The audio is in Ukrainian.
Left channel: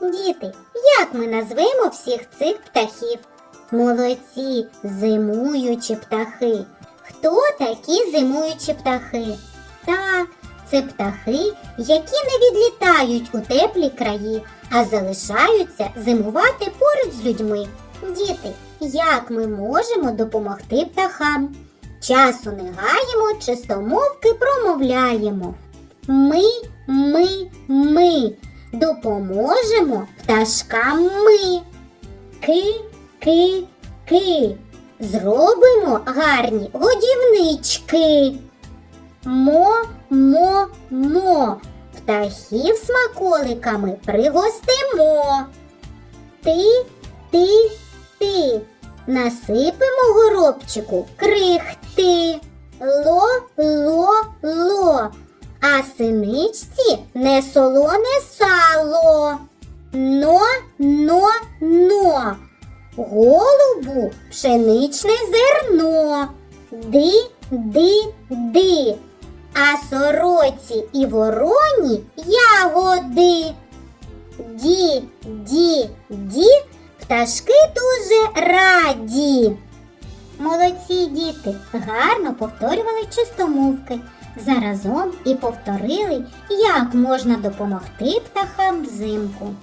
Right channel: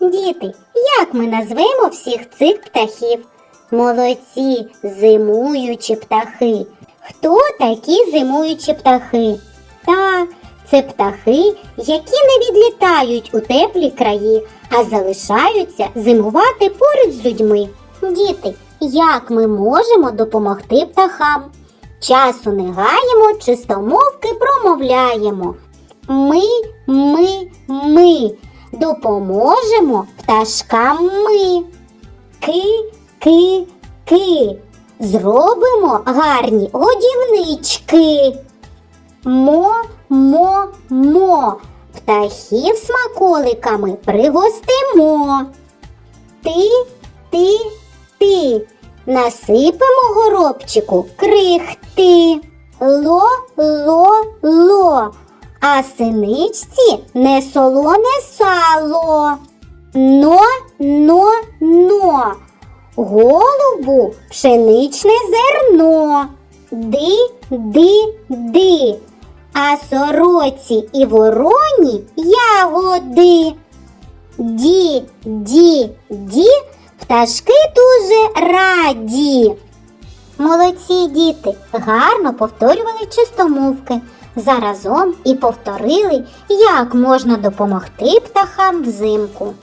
Діти, як ми назвемо всіх цих птахів? Молодці, зимуючі птахи. Хто такі зимуючі птахи? Так, це птахи, які не відлітають у теплі краї, а залишаються зимувати поруч з людьми. Діти, як ми можемо допомогти птахам? Часу не гаємо, чистомовки промовляємо. Ми, ми, ми допоможемо пташкам ми. Ки, ки, ки. Зробимо гарні годівнички. Мо, мо, мо. Птахів смаколиками пригостимо. Ти, ти, ти. Насипемо горобчику крихти. Ло, ло, ло. А синичці не солоне сало. Но, но, но. Голубу пшеничне зерно. Ди, ди, ди. А сороці і вороні ягоди. Ді, ді, ді, пташки дуже раді. Молодці діти, гарно повторювали чистомовки. Заразом і повторили, як можна допомогти птахам взимку.